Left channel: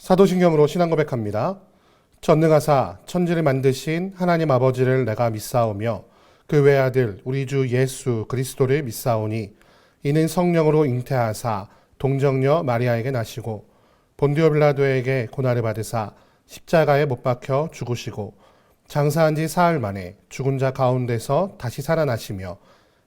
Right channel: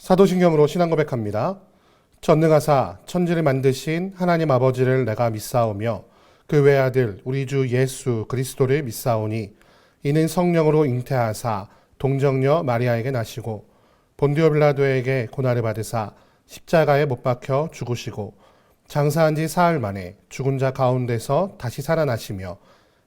사도신경으로 신앙 고백합니다. 전능하사 천지를 만드신 하나님 아버지를 내가 믿사오며 그 외아들 우리 주 예수 그리스도를 믿사오니 이는 성령으로 잉태하사 동정녀 마리아에게 나시고 본디오 빌라도에게 고난을 받으사 십자가에 못 박혀 죽으시고 장사한 지 사흘 만에 죽은 자 가운데서 다시 살아나시며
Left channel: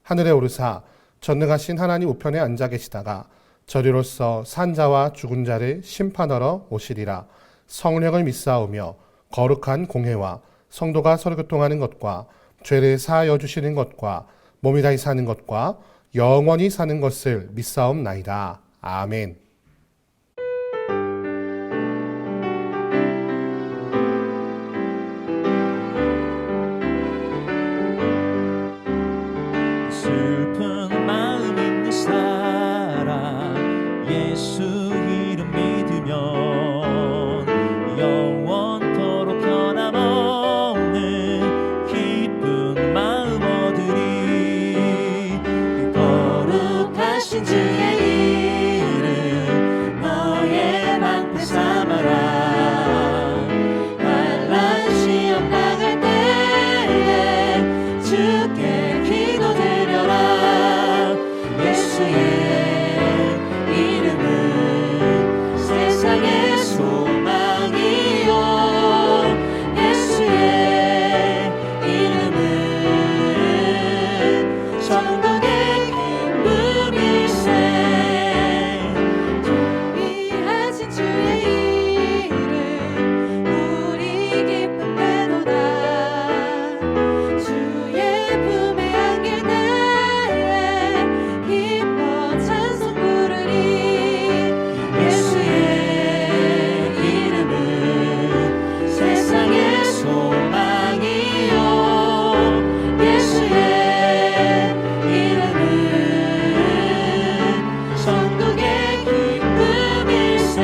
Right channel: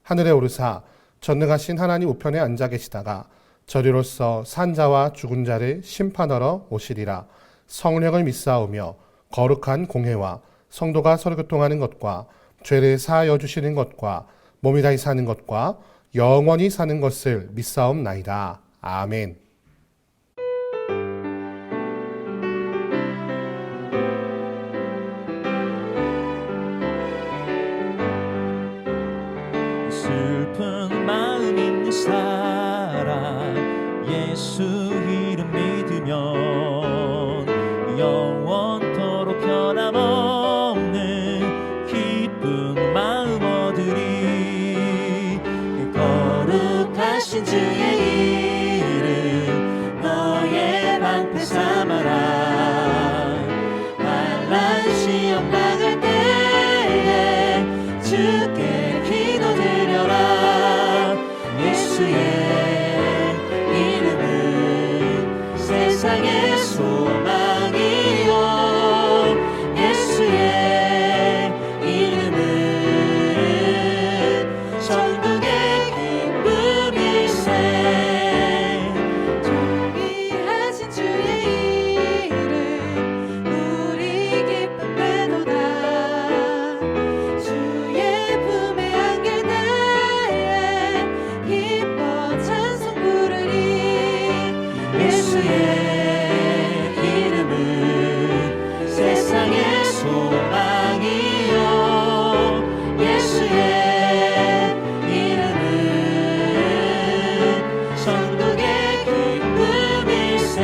하늘에 오르사 전능하신 하나님 우편에 앉아 계시다가 저리로서 산자와 죽은 자를 심판하러 오시리라. 성령을 믿사오며 거룩한 공회와 성도가 서로 교통하는 것과 죄를 사하여 주시는 것과 몸이 다시 사는 것과 영원히 사는 것을 믿사옵나이다. 아멘. 슬픈 마음 있는 사람 예수 이름 믿으면 영원토록 변함없는 기쁜 마음 얻으리. 거룩하신 주의 이름 너의 방패 삼아라. 환난 시험 당할 때에 주께 기도드려라. 예수의 이름은 세상의 소망이요. 예수의 이름은 천국의 기쁨일세. 존귀하신 주의 이름 우리 기쁨되도다. 주의 품에 안길 때에 기뻐 찬송 부르리. 예수의 이름은 세상의 소망이요. 예수의 이름은 천국의 기쁨일세.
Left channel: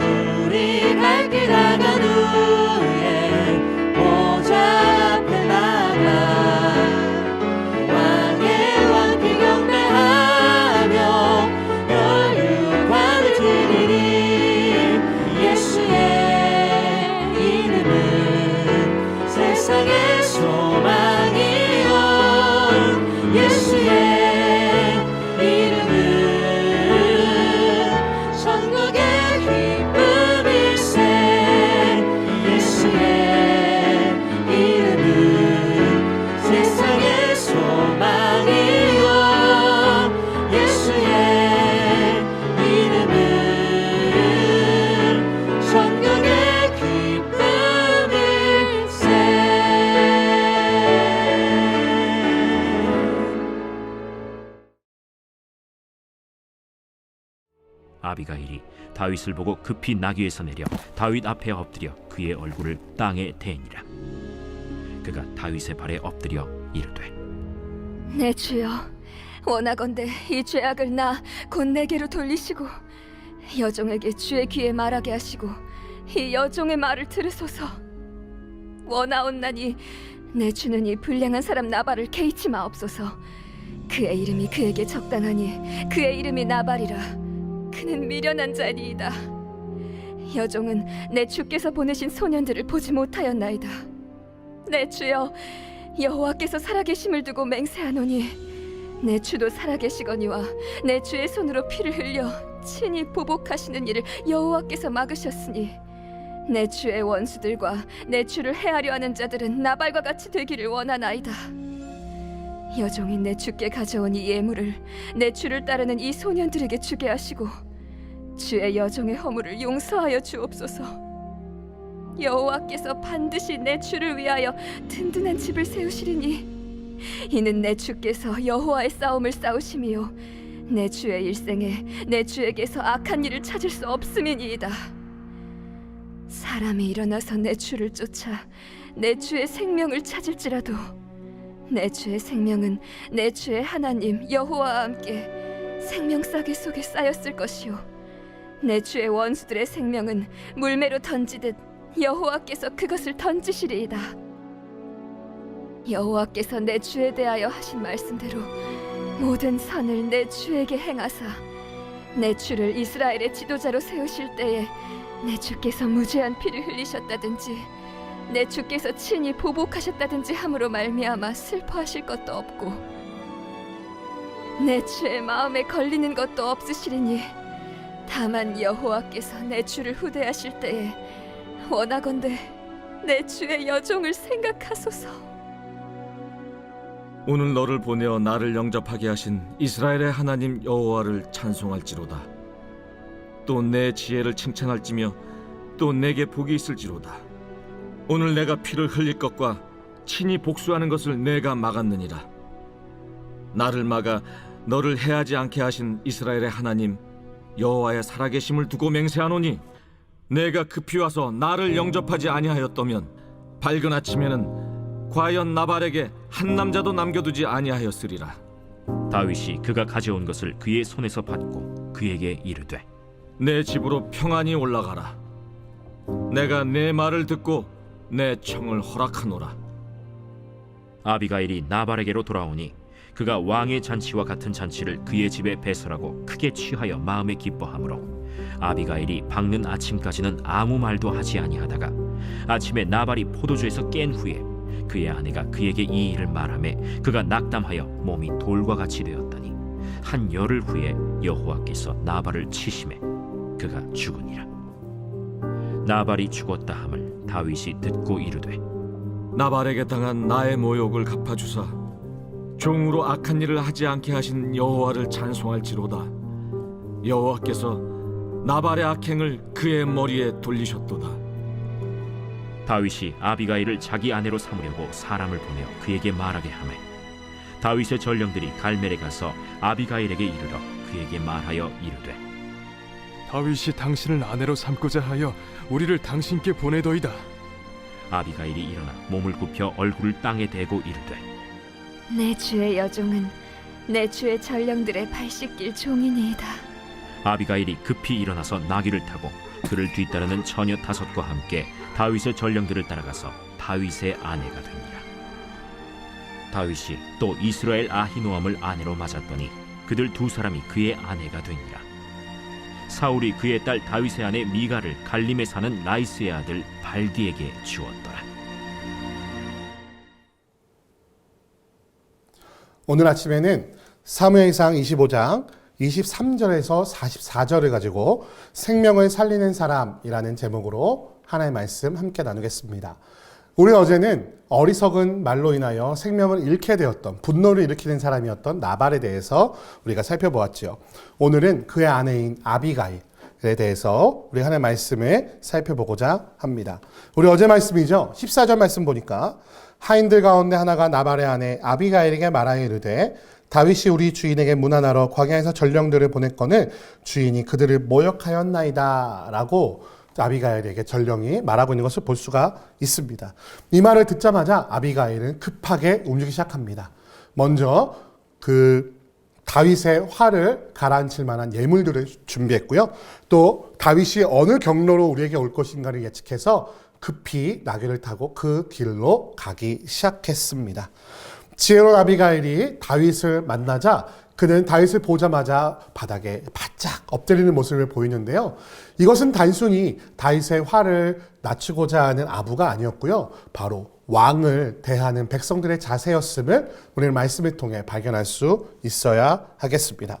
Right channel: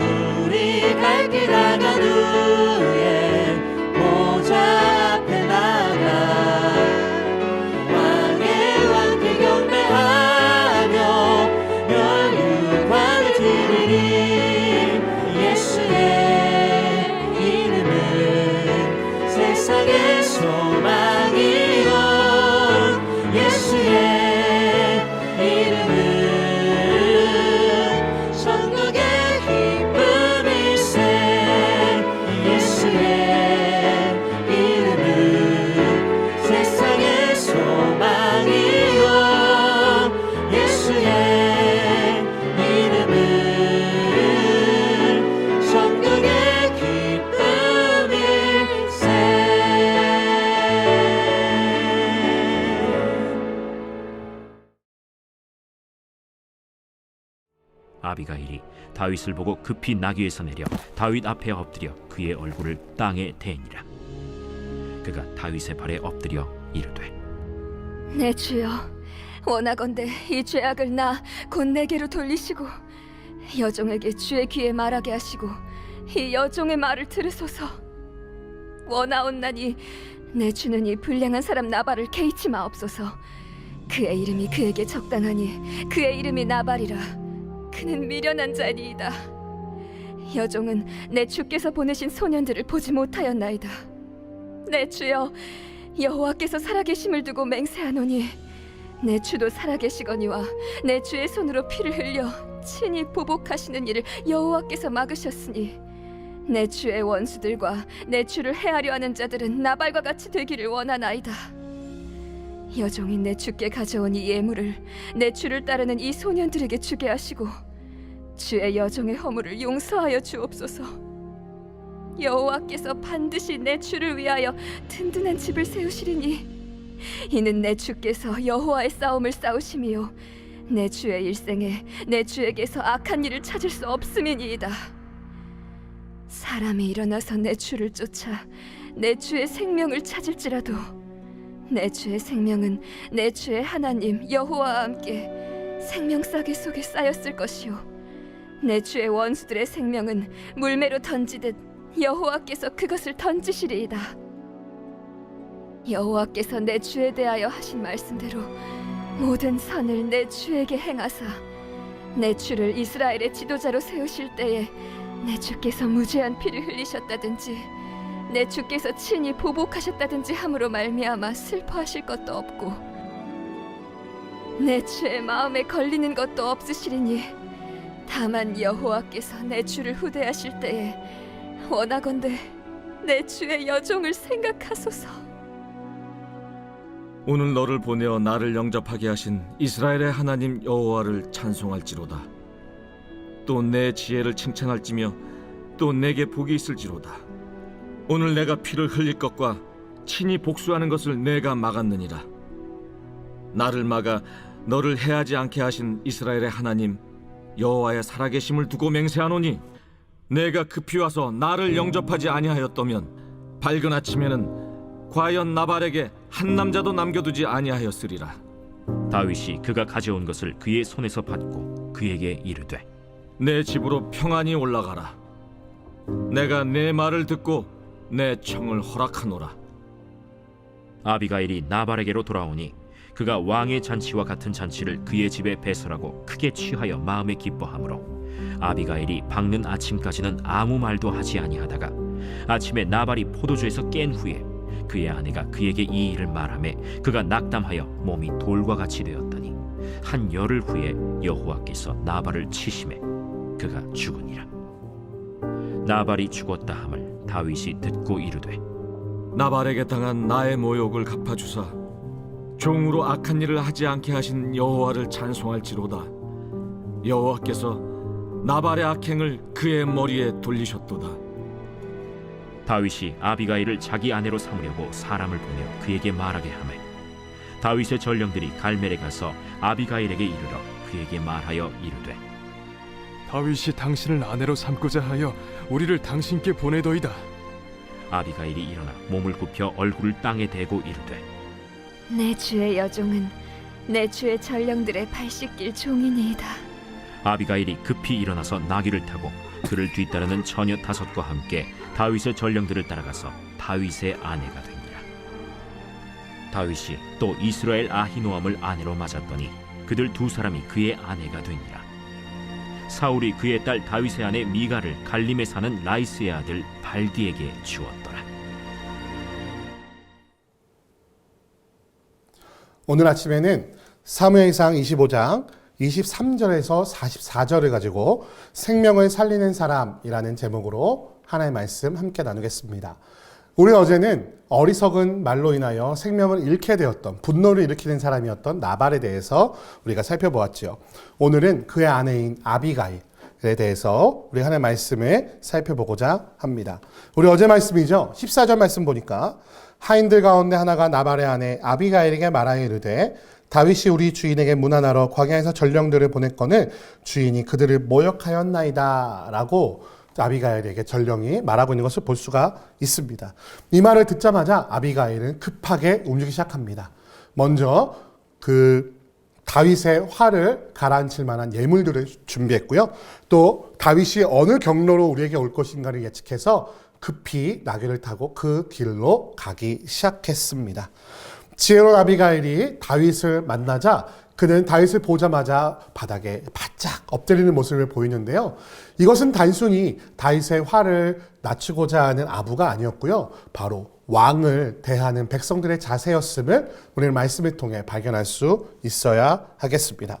우리 갈 길 나간 후에 보좌 앞에 나가 왕의 왕께 경배하며 멸류관을 드리리. 예수의 이름은 세상의 소망이요. 예수의 이름은 천국의 기쁨일세. 예수의 이름은 세상의 소망이요. 예수의 이름은 천국의 기쁨일세. 아비가일이 다윗을 보고 급히 나귀에서 내려 다윗 앞에 엎드려 그의 얼굴을 땅에 대니라. 그가 다윗의 발에 엎드려 이르되 내 주여, 원하건대 이 죄악을 나 곧 내게로 돌리시고 여종에게 주의 귀에 말하게 하시고 이 여종의 말을 들으소서. 원하옵나니 내 주는 이 불량한 사람 나발을 개의치 마옵소서. 그의 이름이 그에게 적당하니 그의 이름이 나발이라. 그는 미련한 자니이다. 여종은 내 주께서 보내신 소년들을 보지 못하였나이다. 내 주여, 여호와께서 살아계심을 두고 맹세하노니 내 주도 살아계시거니와 내 주의 손으로 피를 흘려 친히 보복하시는 일을 여호와께서 막으셨으니 내 주의 원수들과 내 주를 해하려 하는 자들은 나발과 같이 되기를 원하나이다. 여종이 내 주께 가져온 이 예물을 내 주를 따르는 이 소년들에게 주게 하시고 주의 여종의 허물을 용서하여 주옵소서. 여호와께서 반드시 내 주를 위하여 든든한 집을 세우시리니 이는 내 주께서 여호와의 싸움을 싸우심이요 내 주의 일생에 내 주에게서 악한 일을 찾을 수 없음이니이다. 사람이 일어나서 내 주를 쫓아 내 주의 생명을 찾을지라도 내 주의 생명은 내 주의 하나님 여호와와 함께 생명싸개 속에 쌓였을 것이요 내 주의 원수들의 생명은 물매로 던지듯 여호와께서 그것을 던지시리이다. 여호와께서 내 주에 대하여 하신 말씀대로 모든 선을 내 주에게 행하사 내 주를 이스라엘의 지도자로 세우실 때에 내 주께서 무죄한 피를 흘리셨다든지 내 주께서 친히 보복하셨다든지 함으로 말미암아 슬퍼하실 것도 없고 내 주의 마음에 걸리는 것도 없으시리니 다만 여호와께서 내 주를 후대하실 때에 원하건대 내 주의 여종을 생각하소서. 오늘 너를 보내어 나를 영접하게 하신 이스라엘의 하나님 여호와를 찬송할지로다. 또 내 지혜를 칭찬할지며 또 내게 복이 있을지로다. 오늘 내가 피를 흘릴 것과 친히 복수하는 것을 내가 막았느니라. 나를 막아 너를 해하지 않게 하신 이스라엘의 하나님 여호와의 살아계심을 두고 맹세하노니 내가 급히 와서 나를 영접하지 아니하였다면 밝은 아침에는 과연 나발에게 한 남자도 남겨두지 아니하였으리라. 다윗이 그가 가져온 것을 그의 손에서 받고 그에게 이르되 내 집으로 평안히 올라가라. 내가 내 말을 듣고 내 청을 허락하노라. 아비가일이 나발에게로 돌아오니 그가 왕의 잔치와 같은 잔치를 그의 집에 배설하고 크게 취하여 마음에 기뻐하므로 아비가일이 밝는 아침까지는 아무 말도 하지 아니하다가 아침에 나발이 포도주에서 깬 후에 그의 아내가 그에게 이 일을 말하매 그가 낙담하여 몸이 돌과 같이 되었더니 한 열흘 후에 여호와께서 나발을 치심해 그가 죽으니라. 나발이 죽었다 함을 다윗이 듣고 이르되 나발에게 당한 나의 모욕을 갚아주사 종으로 악한 일을 하지 않게 하신 여호와를 찬송할지로다. 여호와께서 나발의 악행을 그의 머리에 돌리셨도다. 다윗이 아비가일을 자기 아내로 삼으려고 사람을 보내어 그에게 말하게 하매 다윗의 전령들이 갈멜에 가서 아비가일에게 이르러 그에게 말하여 이르되 다윗이 당신을 아내로 삼고자 하여 우리를 당신께 보내더이다. 아비가일이 일어나 몸을 굽혀 얼굴을 땅에 대고 이르되 내 주의 여종은 내 주의 전령들의 발 씻길 종이니이다. 아비가일이 급히 일어나서 나귀를 타고 그를 뒤따르는 처녀 5과 함께 다윗의 전령들을 따라가서 다윗의 아내가 되니라. 다윗이 또 이스라엘 아히노암을 아내로 맞았더니 그들 2사람이 그의 아내가 되니라. 사울이 그의 딸 다윗의 아내 미가를 갈림에 사는 라이스의 아들 발디에게 주었더라. 오늘 아침에는 사무엘상 25장 23절에서 44절을 가지고 생명을 살리는 사람이라는 제목으로 하나의 말씀 함께 나누겠습니다. 우리 어제는 어리석은 말로 인하여 생명을 잃게 되었던, 분노를 일으키는 사람이었던 나발에 대해서 우리가 살펴보았죠. 오늘은 그의 아내인 아비가일에 대해서 우리 하나의 말씀을 살펴보고자 합니다. 우리 어제 말씀이죠. 14절 말씀 보니까 하인들 가운데 하나가 나발의 아내 아비가일에게 말하여 이르되 다윗이 우리 주인에게 문안하러 광야에서 전령들을 보냈거늘 주인이 그들을 모욕하였나이다 라고 아비가일에게 전령이 말하고 있는 것을 볼 수가 있습니다. 이 말을 듣자마자 아비가일은 급하게 움직이기 시작합니다. 먼저 그 다윗의 화를 가라앉힐 만한 예물들을 준비했고요. 또 다윗이 어느 경로로 우리에게 올 것인가를 예측해서 급히 나귀를 타고 그 길로 가기 시작했습니다. 지혜로운 아비가일이 다윗을 만나자 그는 다윗을 보자마자 바닥에 바짝 엎드리는 모습을 보이는데요. 이것은 단순히 다윗의 화를 낮추고자 하는 아부가 아니었고요. 바로 왕을 대하는 백성들의 자세였음을 우리는 말씀을 통해 발견할 수 있어야 하겠습니다.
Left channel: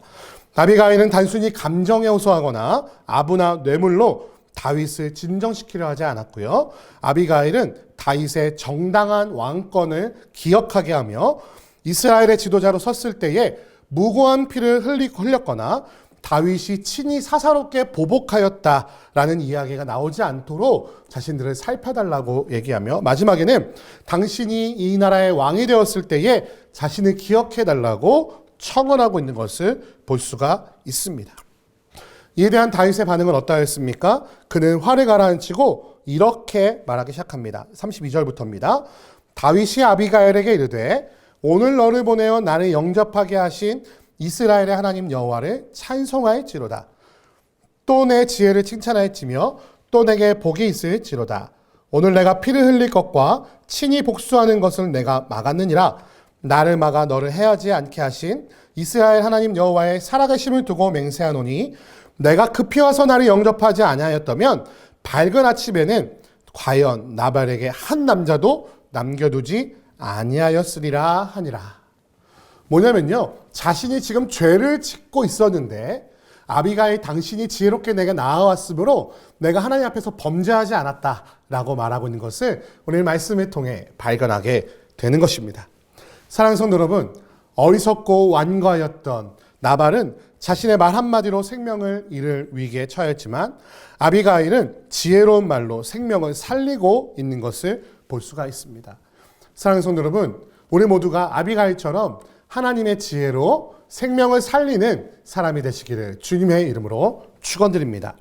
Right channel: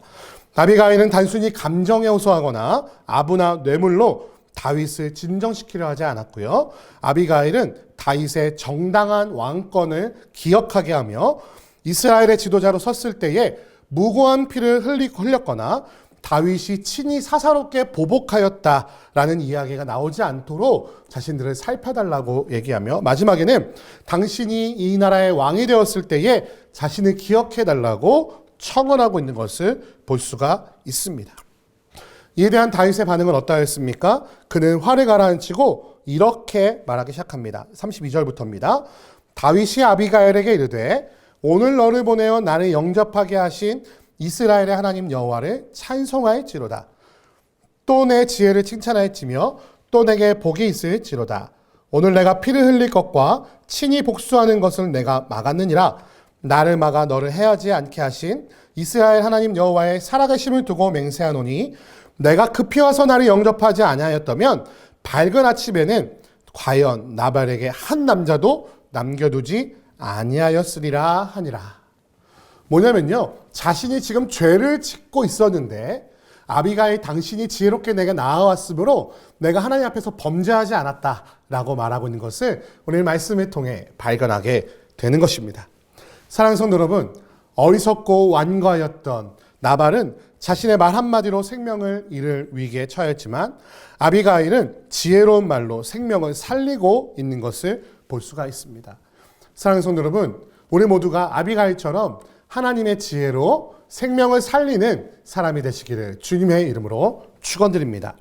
아비가일은 단순히 감정에 호소하거나 아부나 뇌물로 다윗을 진정시키려 하지 않았고요. 아비가일은 다윗의 정당한 왕권을 기억하게 하며 이스라엘의 지도자로 섰을 때에 무고한 피를 흘렸거나 다윗이 친히 사사롭게 보복하였다라는 이야기가 나오지 않도록 자신들을 살펴달라고 얘기하며 마지막에는 당신이 이 나라의 왕이 되었을 때에 자신을 기억해달라고 청원하고 있는 것을 볼 수가 있습니다. 이에 대한 다윗의 반응은 어떠했습니까? 그는 화를 가라앉히고 이렇게 말하기 시작합니다. 32절부터입니다. 다윗이 아비가일에게 이르되 오늘 너를 보내어 나를 영접하게 하신 이스라엘의 하나님 여호와를 찬송할지로다. 또 내 지혜를 칭찬할지며 또 내게 복이 있을지로다. 오늘 내가 피를 흘릴 것과 친히 복수하는 것을 내가 막았느니라. 나를 막아 너를 해하지 않게 하신 이스라엘 하나님 여호와의 살아계심을 두고 맹세하노니 내가 급히 와서 나를 영접하지 아니하였다면 밝은 아침에는 과연 나발에게 한 남자도 남겨두지 아니하였으리라 하니라. 뭐냐면요, 자신이 지금 죄를 짓고 있었는데 아비가일 당신이 지혜롭게 내게 나아왔으므로 내가 하나님 앞에서 범죄하지 않았다라고 말하고 있는 것을 오늘 말씀을 통해 발견하게 되는 것입니다. 사랑하는 성도 여러분, 어리석고 완고하였던 나발은 자신의 말 한마디로 생명을 잃을 위기에 처했지만 아비가일은 지혜로운 말로 생명을 살리고 있는 것을 볼 수가 있습니다. 사랑하는 성도 여러분, 우리 모두가 아비가일처럼 하나님의 지혜로 생명을 살리는 사람이 되시기를 주님의 이름으로 축원드립니다.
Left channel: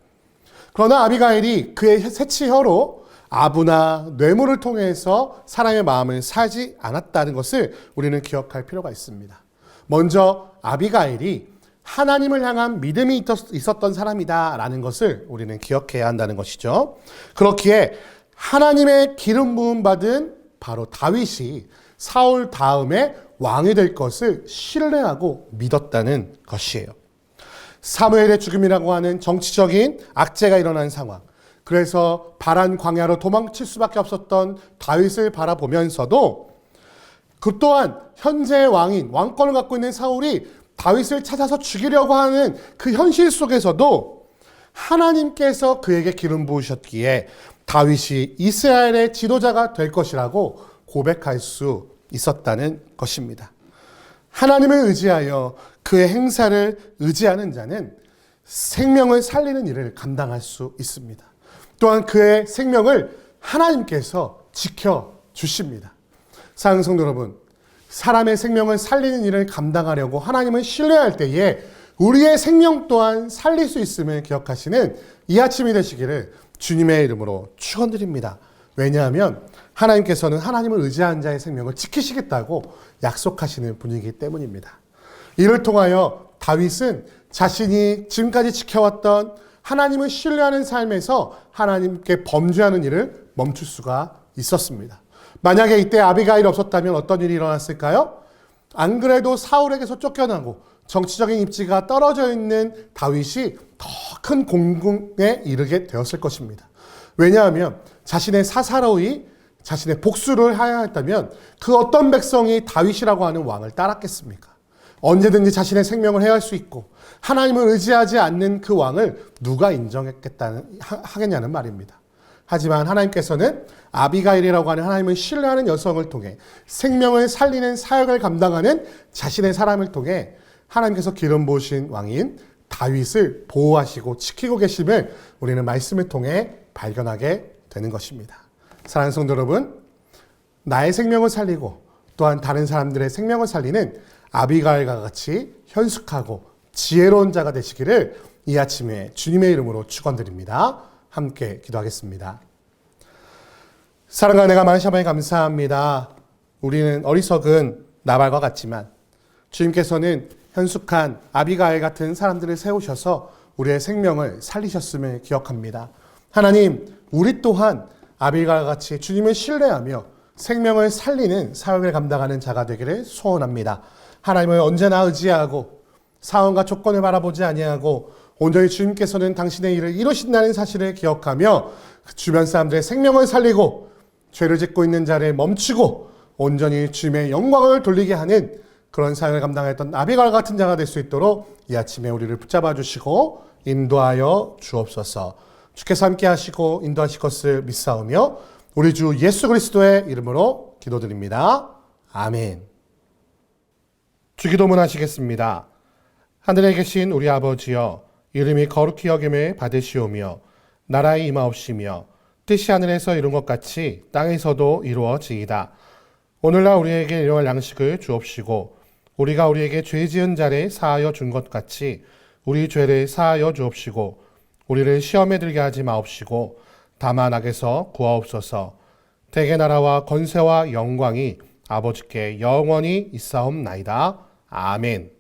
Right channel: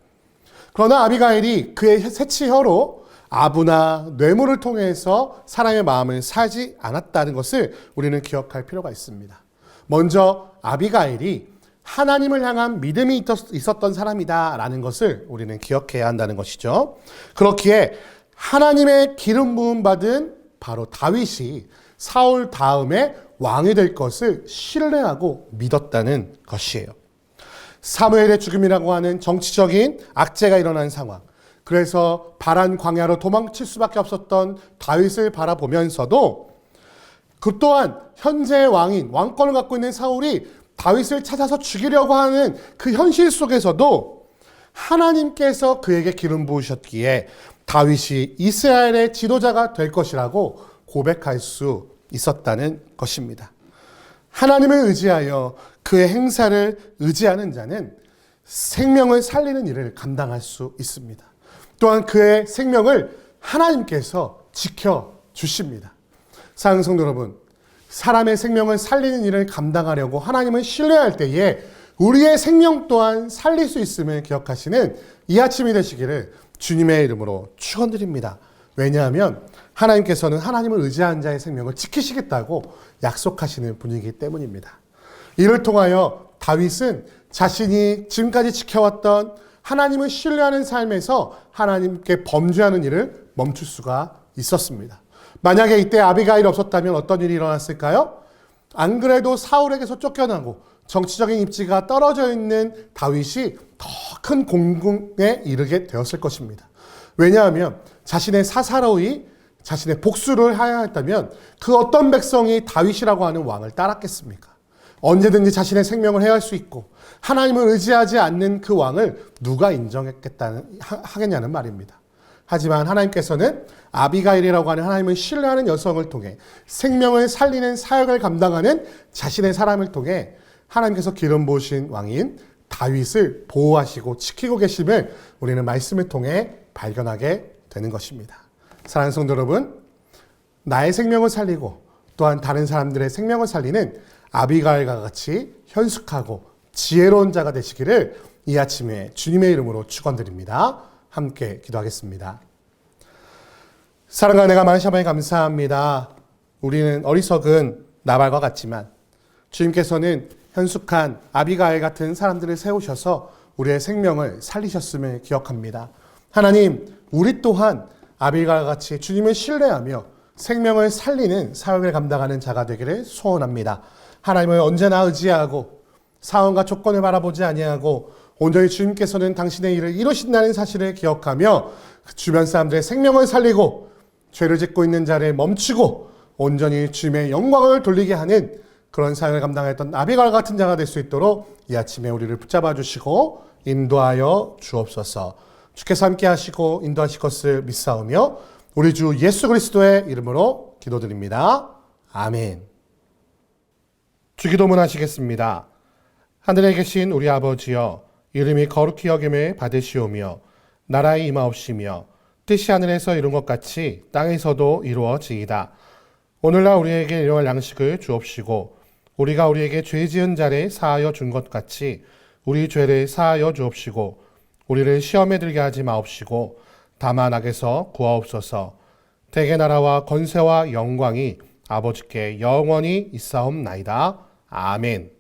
그러나 아비가일이 그의 새치혀로 아부나 뇌물을 통해서 사람의 마음을 사지 않았다는 것을 우리는 기억할 필요가 있습니다. 먼저 아비가일이 하나님을 향한 믿음이 있었던 사람이다라는 것을 우리는 기억해야 한다는 것이죠. 그렇기에 하나님의 기름 부음 받은 바로 다윗이 사울 다음에 왕이 될 것을 신뢰하고 믿었다는 것이에요. 사무엘의 죽음이라고 하는 정치적인 악재가 일어난 상황, 그래서 바란 광야로 도망칠 수밖에 없었던 다윗을 바라보면서도 그 또한 현재의 왕인, 왕권을 갖고 있는 사울이 다윗을 찾아서 죽이려고 하는 그 현실 속에서도 하나님께서 그에게 기름 부으셨기에 다윗이 이스라엘의 지도자가 될 것이라고 고백할 수 있었다는 것입니다. 하나님을 의지하여 그의 행사를 의지하는 자는 생명을 살리는 일을 감당할 수 있습니다. 또한 그의 생명을 하나님께서 지켜주십니다. 사랑하는 성도 여러분, 사람의 생명을 살리는 일을 감당하려고 하나님을 신뢰할 때에 우리의 생명 또한 살릴 수 있음을 기억하시는 이 아침이 되시기를 주님의 이름으로 축원드립니다. 왜냐하면 하나님께서는 하나님을 의지한 자의 생명을 지키시겠다고 약속하시는 분이기 때문입니다. 이를 통하여 다윗은 자신이 지금까지 지켜왔던 하나님을 신뢰하는 삶에서 하나님께 범죄하는 일을 멈출 수가 있었습니다. 만약에 이때 아비가일이 없었다면 어떤 일이 일어났을까요? 안 그래도 사울에게서 쫓겨나고 정치적인 입지가 떨어져 있는 다윗이 더 큰 공공에 이르게 되었을 것입니다. 왜냐하면 자신의 사사로이 자신의 복수를 하였다면 그 어떤 백성이 다윗이라고 하는 왕을 따랐겠습니까? 언제든지 자신의 생명을 해할 수 있고 하나님을 의지하지 않는 그 왕을 누가 하겠냐는 말입니다. 하지만 하나님께서는 아비가일이라고 하는 하나님을 신뢰하는 여성을 통해 생명을 살리는 사역을 감당하는 자신의 사람을 통해 하나님께서 기름 부으신 왕인 다윗을 보호하시고 지키고 계심을 우리는 말씀을 통해 발견하게 되는 것입니다. 사랑하는 성도 여러분, 나의 생명을 살리고 또한 다른 사람들의 생명을 살리는 아비가일과 같이 현숙하고 지혜로운 자가 되시기를 이 아침에 주님의 이름으로 축원드립니다. 함께 기도하겠습니다. 사랑하는 내가 많으시니 감사합니다. 우리는 어리석은 나발과 같지만 주님께서는 현숙한 아비가일 같은 사람들을 세우셔서 우리의 생명을 살리셨음을 기억합니다. 하나님, 우리 또한 아비가일과 같이 주님을 신뢰하며 생명을 살리는 사역을 감당하는 자가 되기를 소원합니다. 하나님을 언제나 의지하고 상황과 조건을 바라보지 아니하고 온전히 주님께서는 당신의 일을 이루신다는 사실을 기억하며 주변 사람들의 생명을 살리고 죄를 짓고 있는 자를 멈추고 온전히 주님의 영광을 돌리게 하는 그런 사역을 감당했던 아비가일 같은 자가 될 수 있도록 이 아침에 우리를 붙잡아 주시고 인도하여 주옵소서. 주께서 함께 하시고 인도하실 것을 믿사오며 우리 주 예수 그리스도의 이름으로 기도드립니다. 아멘. 주기도문 하시겠습니다. 하늘에 계신 우리 아버지여, 이름이 거룩히 여김을 받으시오며 나라의 임하옵시며 뜻이 하늘에서 이룬 것 같이 땅에서도 이루어지이다. 오늘날 우리에게 일용할 양식을 주옵시고 우리가 우리에게 죄 지은 자를 사하여 준 것 같이 우리 죄를 사하여 주옵시고 우리를 시험에 들게 하지 마옵시고 다만 악에서 구하옵소서. 대개 나라와 권세와 영광이 아버지께 영원히 있사옵나이다. 아멘.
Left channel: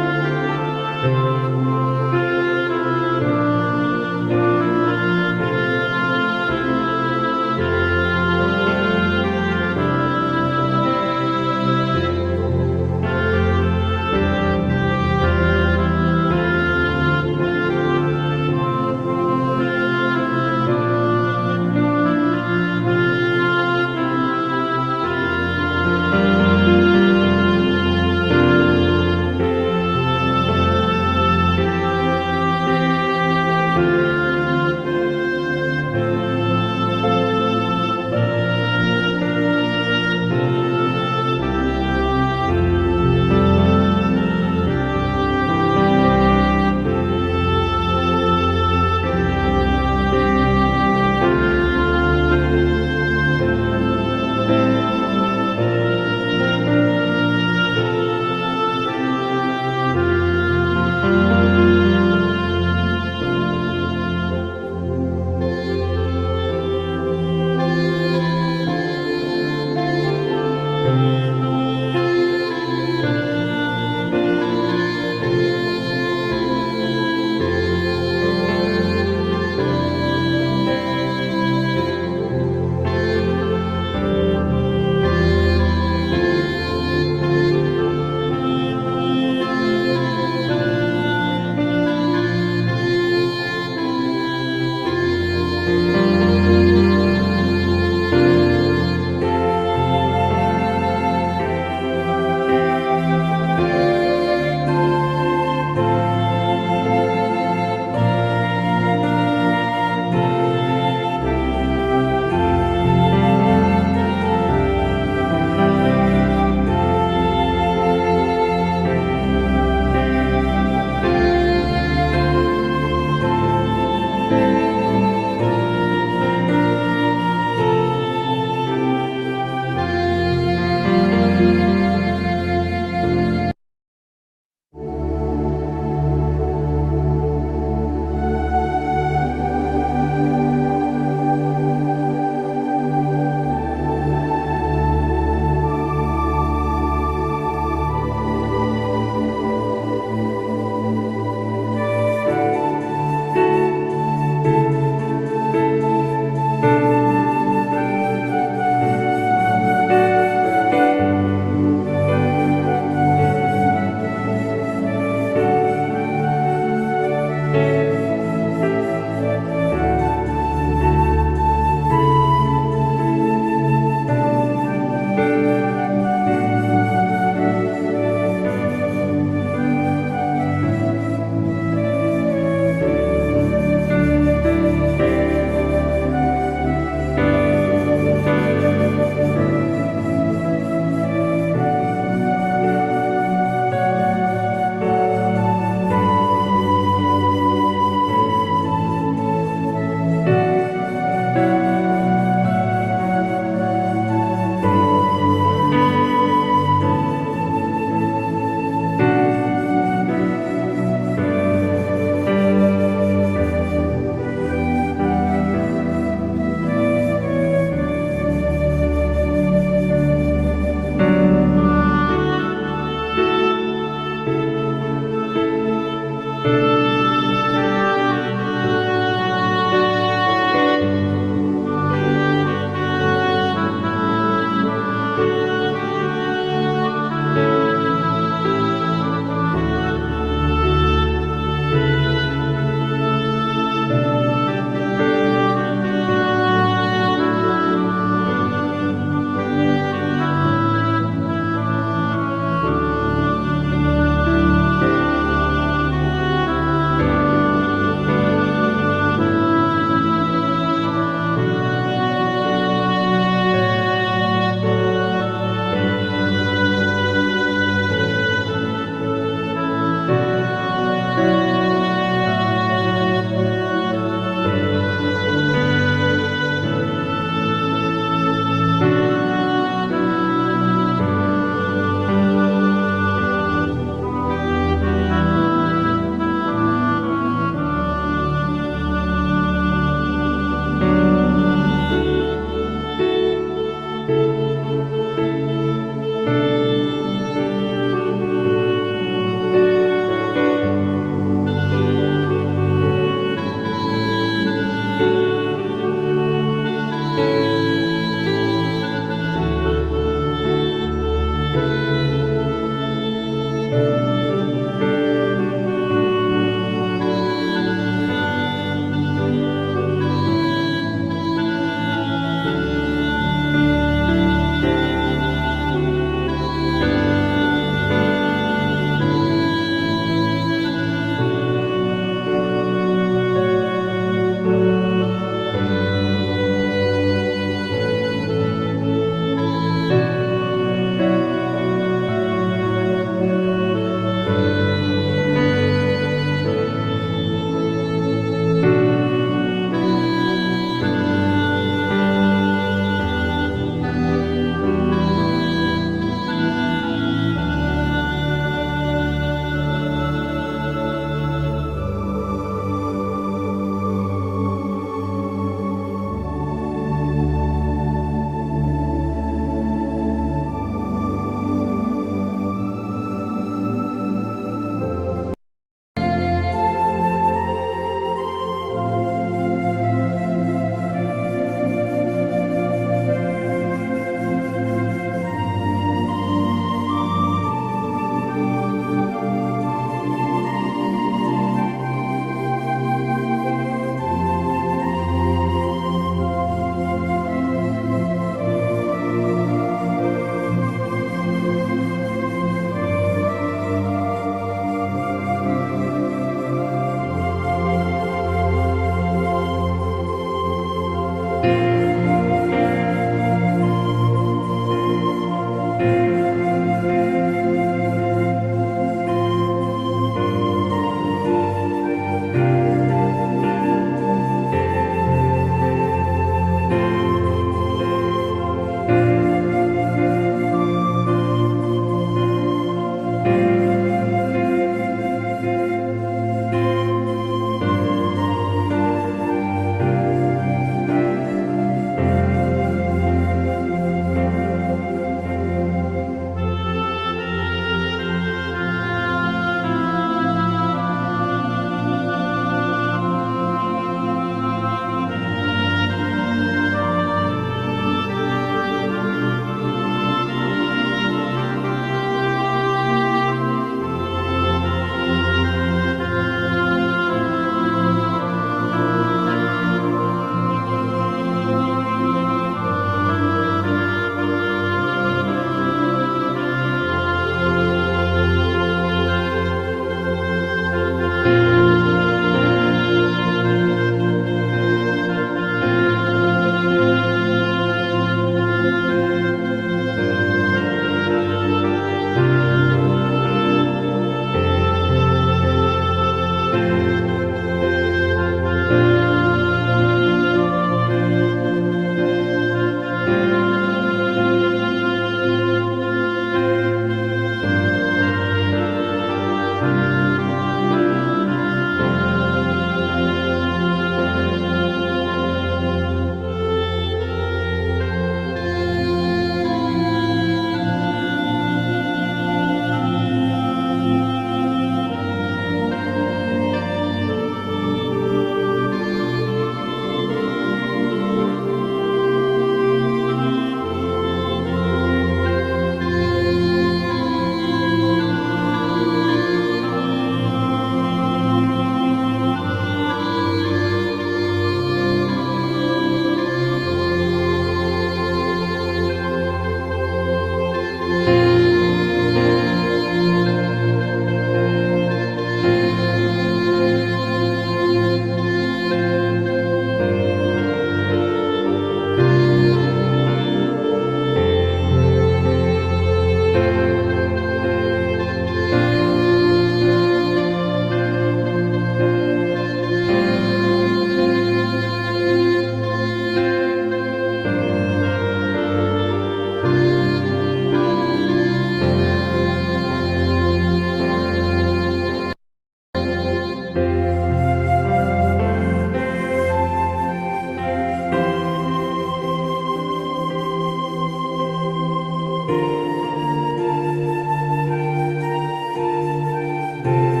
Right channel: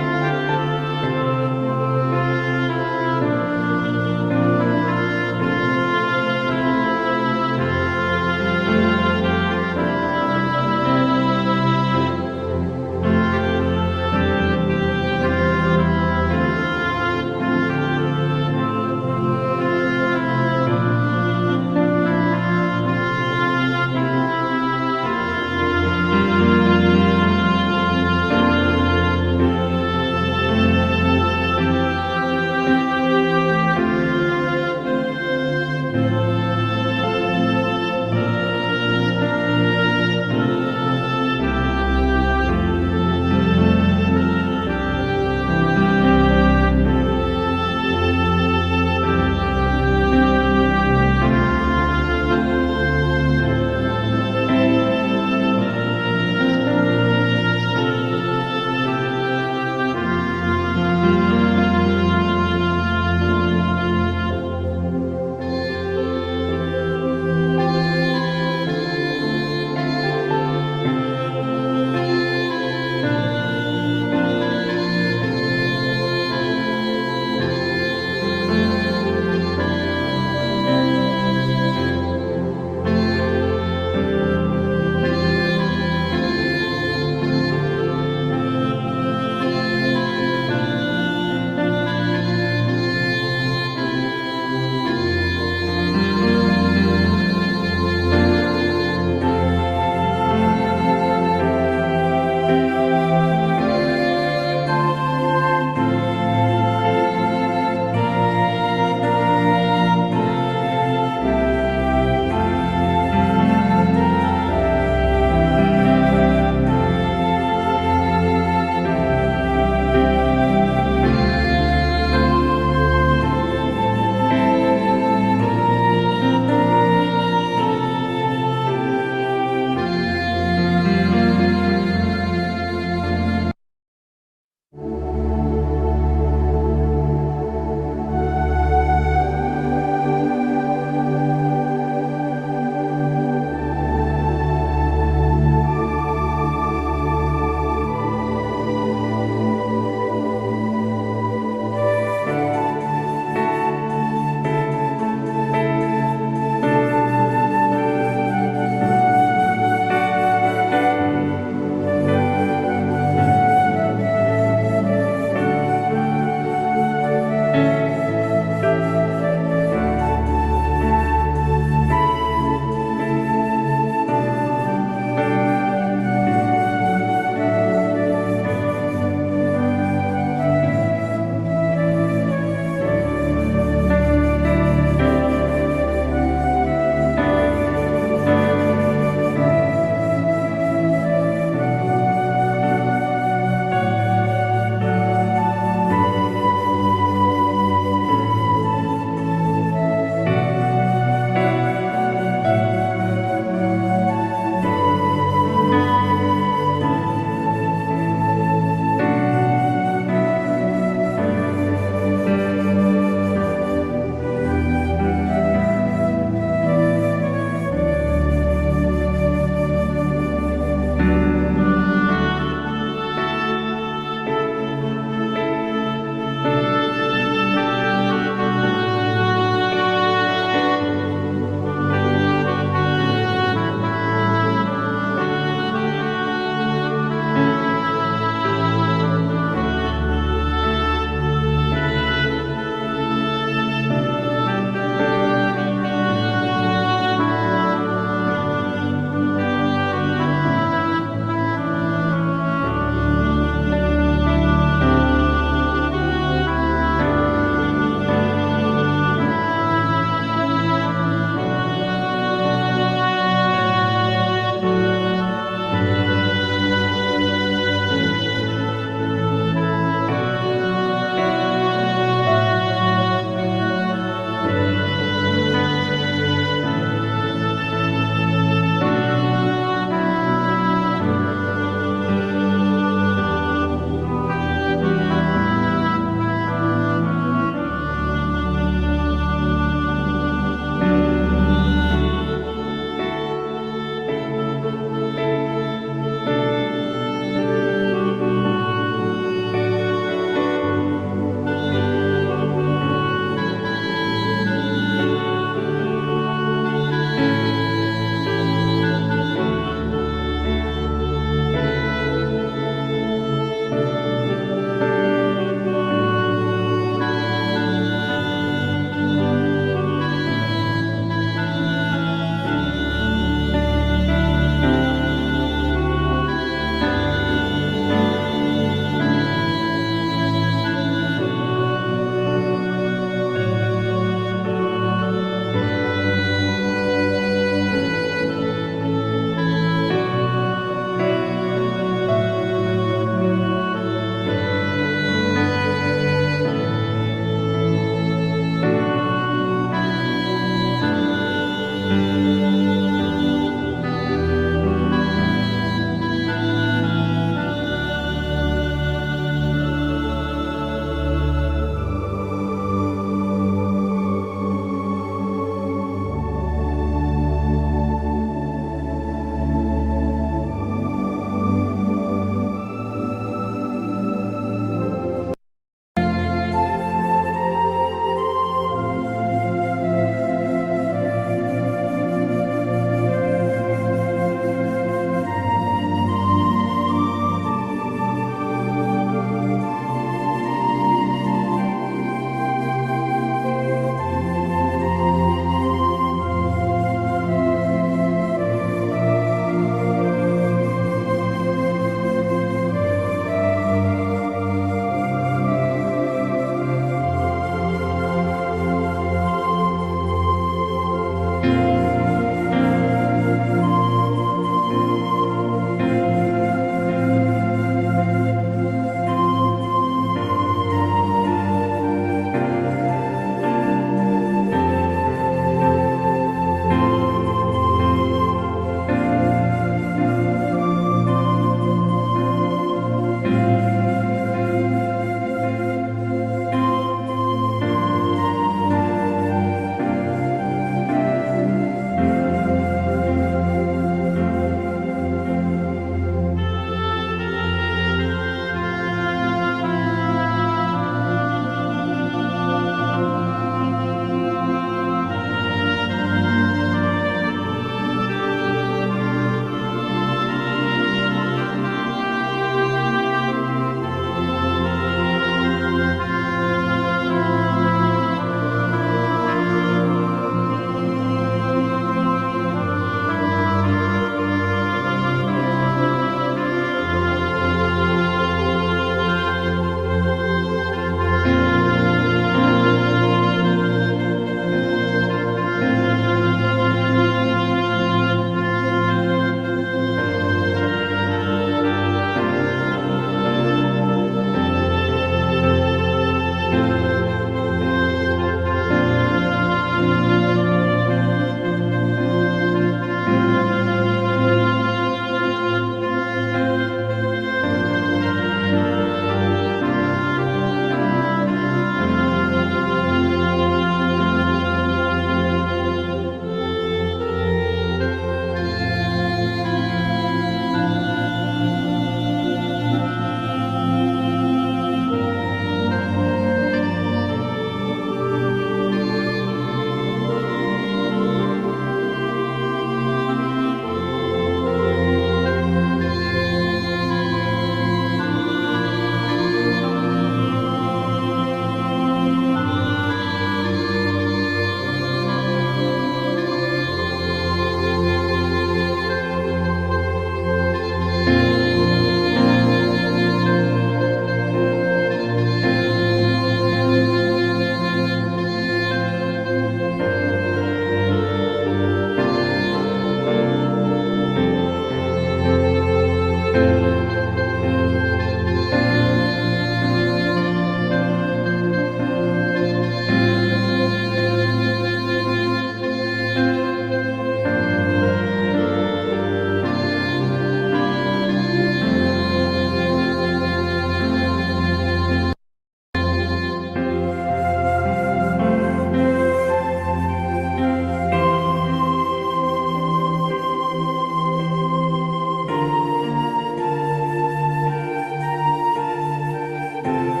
주